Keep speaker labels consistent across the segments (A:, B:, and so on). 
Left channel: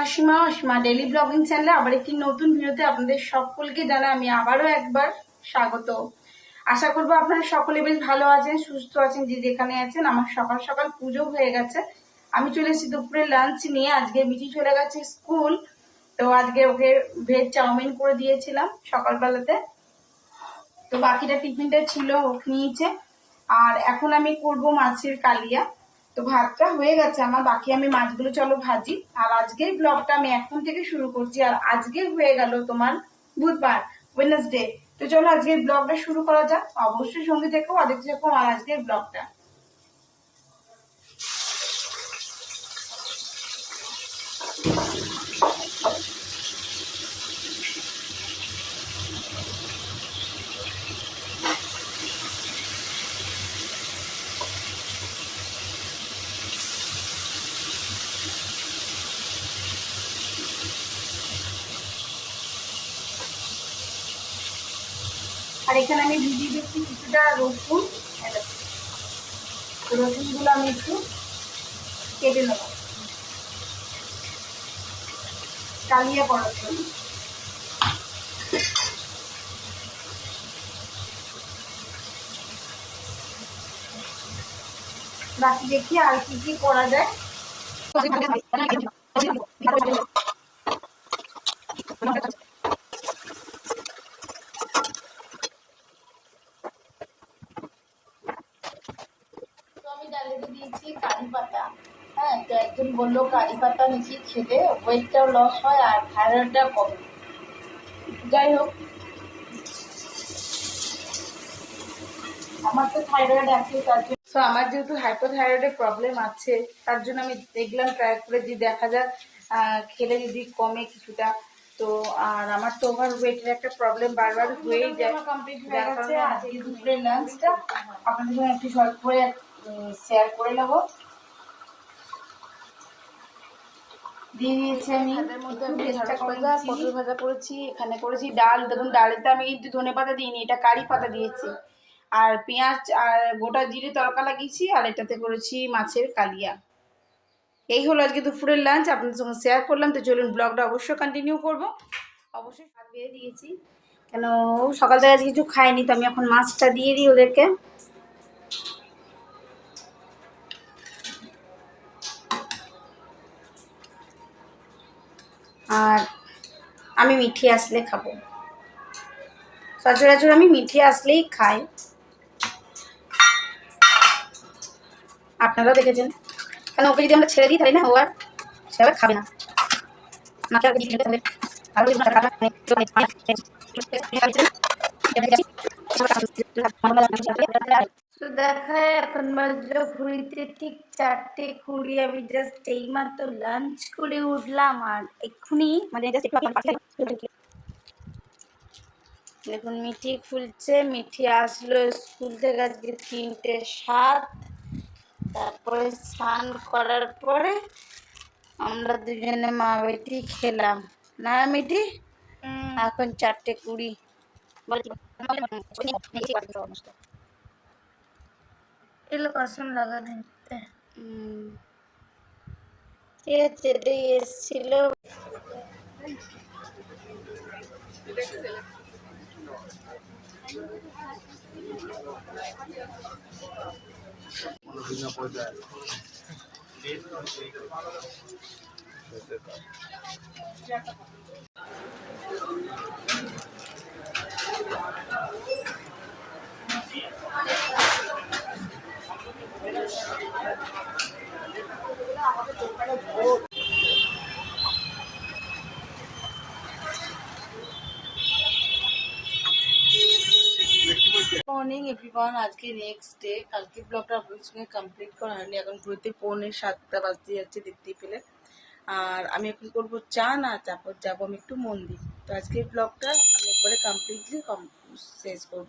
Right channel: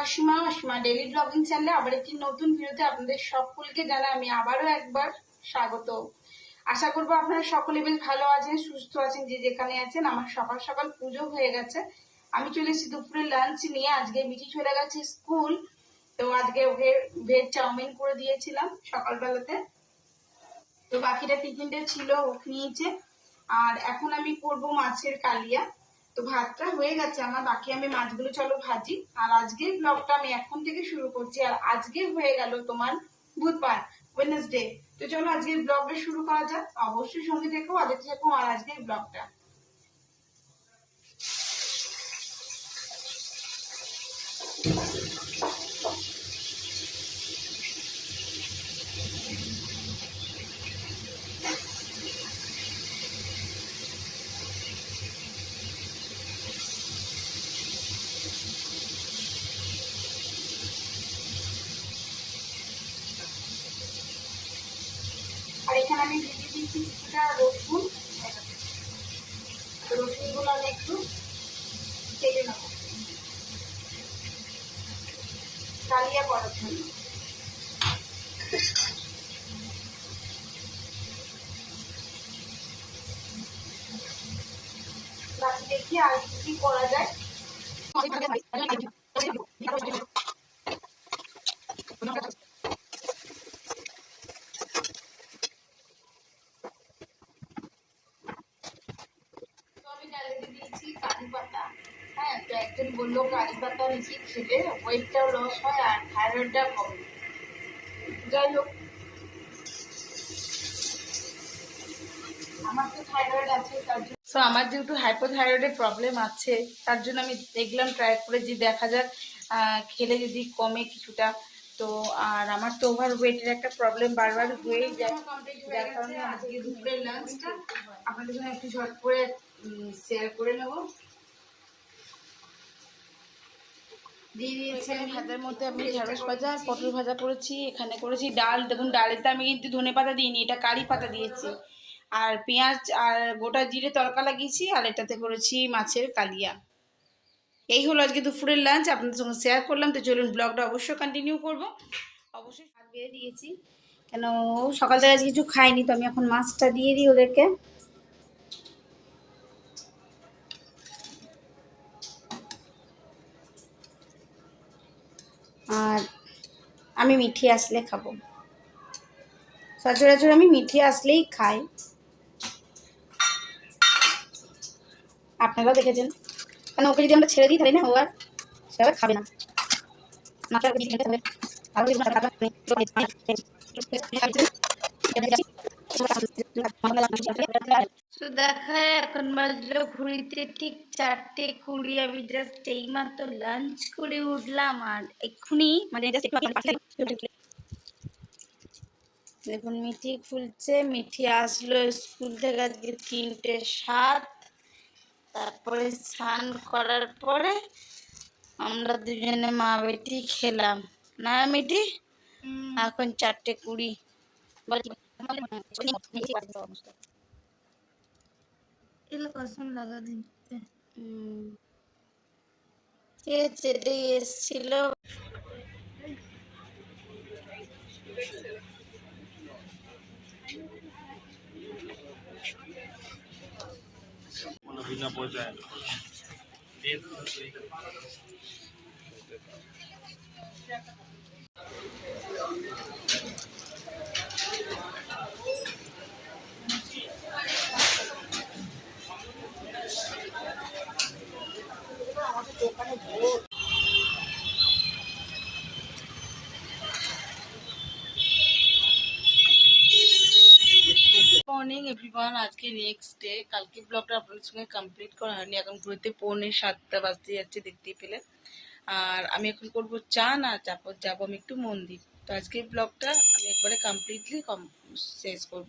A: Asima daily blogging চ্যানেলে আবার একটি নতুন ভিডিওতে আপনাদের সকলকে জানাই আমি আবারও একবার স্বাগত। আশা করব আপনারা সকলে বেশ ভালো আছেন, সুস্থ আছেন, যে যেখানে আছেন, আমার সকাল সকাল পুজো হয়ে গেছে। আমি চলে এসেছি দুপুরে লাঞ্চ নিয়ে, আজকে মিঠি চলে গেছে স্কুল তো আজকে ওকে ভেজ চাউমিন করে দিয়েছিলাম সকালবেলাতে। তো বাকিটা টিফিনটা ছিল নিয়েছে। আর এখন আমি করব মাছের কালিয়া। তো ভাতটা হয়ে গেছে। আমার বাকি আমি মাছগুলো চলো ভাজি। আর আজকের ব্লগটা আমি এখন থেকে শুরু করছি। আর আজকে হয়ে গেল তোমার বুধবার ওয়েডনেসডে তো চলো আজকের ব্লগটা শুরু করা যাক। অবশ্যই সঙ্গে দেখো আদিত্য দেখো আর আজকের ব্লগটা এখানে আমি ভিজিয়ে দিচ্ছি কিছুটা রসুন। রসুনগুলো আমি একটু কেটে নেব। কালিয়া করার জন্য। বাকি দেখি আর কি কি করা যায়। ডালিতে দিয়েছি কারি পাতা। হ্যাঁ তো একজন বলল কারি পাতা নাকি খেলে ওয়েটটাও লস হয় আর থাইরয়েডটাও কমে। যাই হোক আমার তো থাইরয়েড আছে তার জন্য আমার যেহেতু হাইপোথাইরয়েডের প্রবলেম আছে তার জন্য আমি দেখলাম ট্রাই করে যে দেখা যাক খেলে যদি কমে কিছুটা। তো আর আমার তো ওভার ওয়েটের একটা প্রবলেম বারবার হয়েই কমপ্লিট হয়ে গেছে আজকে দুপুরের লাঞ্চটা আপনাদের সঙ্গে একটু শর্ট করে শেয়ার করে নেব। দিয়ে দিয়েছি আমি হাতের মধ্যে আমি ঢেঁড়স ভাজা পটল ভাজা করেছি এখানে করেছি ডাল। দেখুন ডালেতে আমি কিন্তু ধনে পাতা দিইনি এটা কারি পাতা দিয়েছি। আর পেঁয়াজ আর গোটা জিরে তড়কা লাগিয়েছি আর এটাতে করেছি মাছের কালিয়া। এই হলো আজকে দুপুরের লাঞ্চ আপনাদের সঙ্গে শেয়ার করলাম। তো চলুন ব্লগটা অবশ্যই কন্টিনিউ করব। অবশ্যই ভাত বেড়ে দিয়েছি। কেন সকাল থেকে আজ কিছু খায়নি তো আমি এখন মাছটা দিয়ে দিই ওদেরকে। আর আমি মিঠি আসলে খাব। সচরাচর আমি মিঠি আসলেই খাই। আপনারাও দেখেছেন। কেন ওকে যদি আমরা ছেড়ে দিই তাই না, ও আর সে আবার খাবে না। তো দেখায় এখন বাজলো ঘুরিতে ঠিক চারটে কুড়ি। আমি জাস্ট এই মাত্র লাঞ্চ করে উঠলাম আর এক্ষুনি মানে দেখুন মিঠি খুলছে মিঠি আসলো স্কুল থেকে আজকে তিনটে সাত। তারপরে স্নান করার পরে আমরা দুজনে মা বেটি খেলাম। না মিঠি? এখন চারটে কুড়ি।
B: இல்லை கஷ்டம்
A: லகாது சரி எஸ்டியில் பின்ன போட்டு
C: Thank you.
A: মর্নিং এভরিওয়ান আজকে নেক্সট ডে কালকে ব্লগটা আপনাদের সঙ্গে কমপ্লিট করা হয়নি। এখন ঘুরতে পৌনে সাতটা বাজতে যাচ্ছে, দেখতেই পেলে। আর আমি এখন করব চা, না তারপর যাব আমি একটু মন্দির। তো আজকের ব্লগটা আমি একবারে কমপ্লিটলি শেষ করব।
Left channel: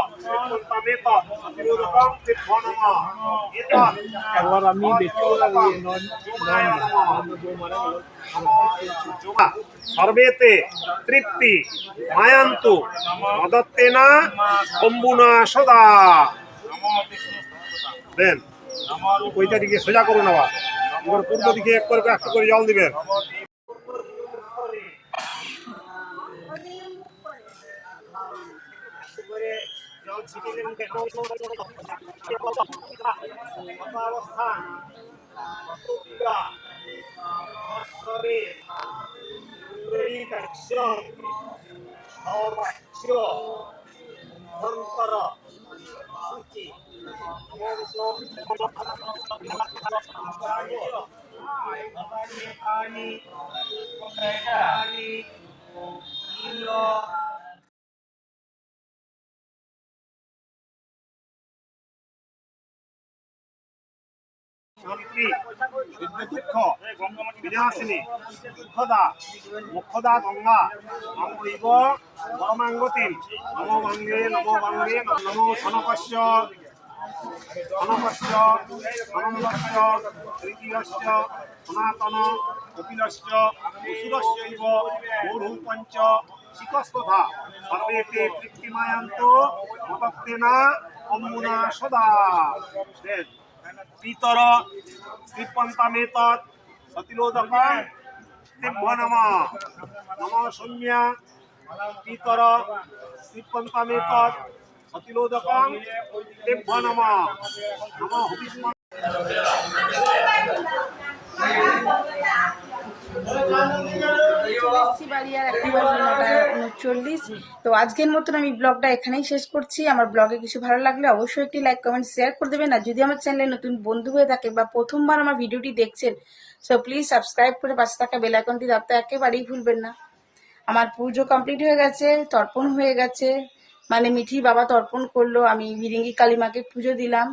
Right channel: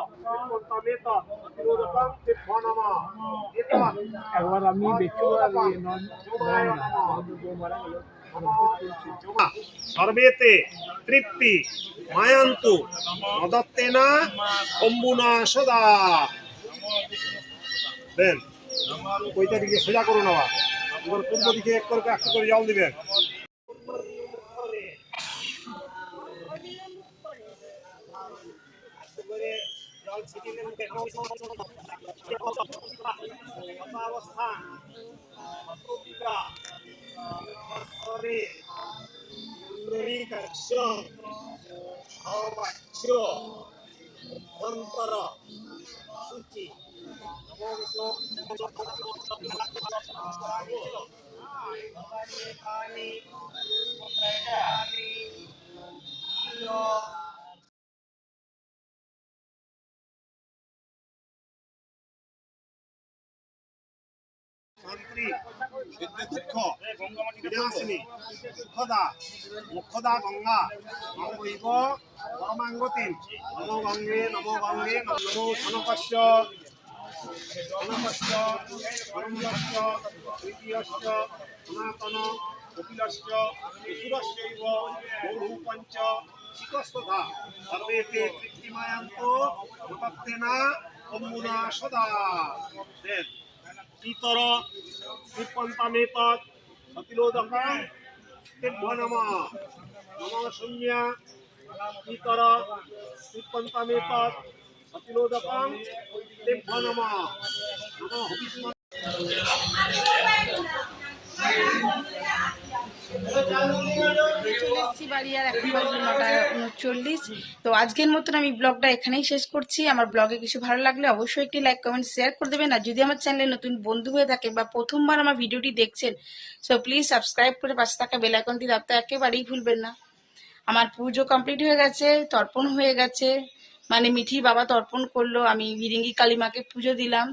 C: সর্বেতে তৃপ্তি, মায়ান্তু, মদত্তেনা, অম্বুনা, সদা। দেন ওইটা দিকে সোজা করুন আবার পূর্ব দিকে এক করে একটু করে জল দিবেন। ছিটিয়ে দেবেন শান্তি দুঃখ বিনাশিনী দুঃখদা মুখদা গঙ্গা অঙ্গৈব পরমাঙ্গতিম নমো গঙ্গে নমো গঙ্গে নমো সনকস্য সনকস্য সনন্দস্য তৃতীয়স্য সনাতন কপিলস্য অসুরস্যৈব গৌরু পঞ্চ শিকস্তথা, সর্বেতে তৃপ্তিমায়ান্ত মতত্তেনা সদা। পিতর শ্রীপন্তামেত সতিলোদকং তেভ্য নম নম সৌম্যা পিতর শ্রীপন্তামেত সতিলোদক তেভ্য নম নম হুবিস্ম
A: উনচল্লিশ তো আজকের মতন আমি ব্লগটা এখানেই শেষ করছি। আমার ব্লগে কিছু ভালো লাগলে অবশ্যই একটি লাইক কমেন্ট শেয়ার করে দেবেন। আর যদি আমার চ্যানেলে নতুন বন্ধু হয়ে থাকে বা প্রথমবার আমার ভিডিওটি দেখছেন সো প্লিজ সাবস্ক্রাইব করে পাশে থাকা বেল আইকনটি দাবতে একেবারেই ভুলবেন না। আমার পুজো কমপ্লিট হয়ে গেছে, তর্পণ হয়ে গেছে। মানে মিঠি বাবা তর্পণ করল, আমি বিরিঙ্গি কালিমাকে পুজো দিলাম।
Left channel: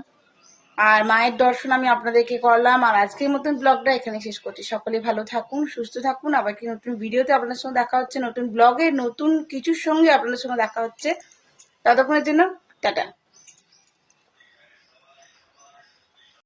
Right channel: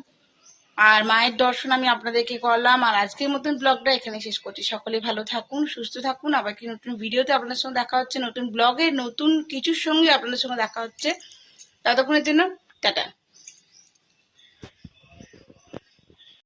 A: আর মায়ের দর্শন আমি আপনাদেরকে করলাম, আর আজকের মতন ব্লগটা এখানে শেষ করছি। সকলে ভালো থাকুন, সুস্থ থাকুন। আবার কি নতুন ভিডিওতে আপনাদের সঙ্গে দেখা হচ্ছে, নতুন ব্লগে নতুন কিছুর সঙ্গে আপনাদের সঙ্গে দেখা হচ্ছে। ততক্ষণের জন্য, টাটা।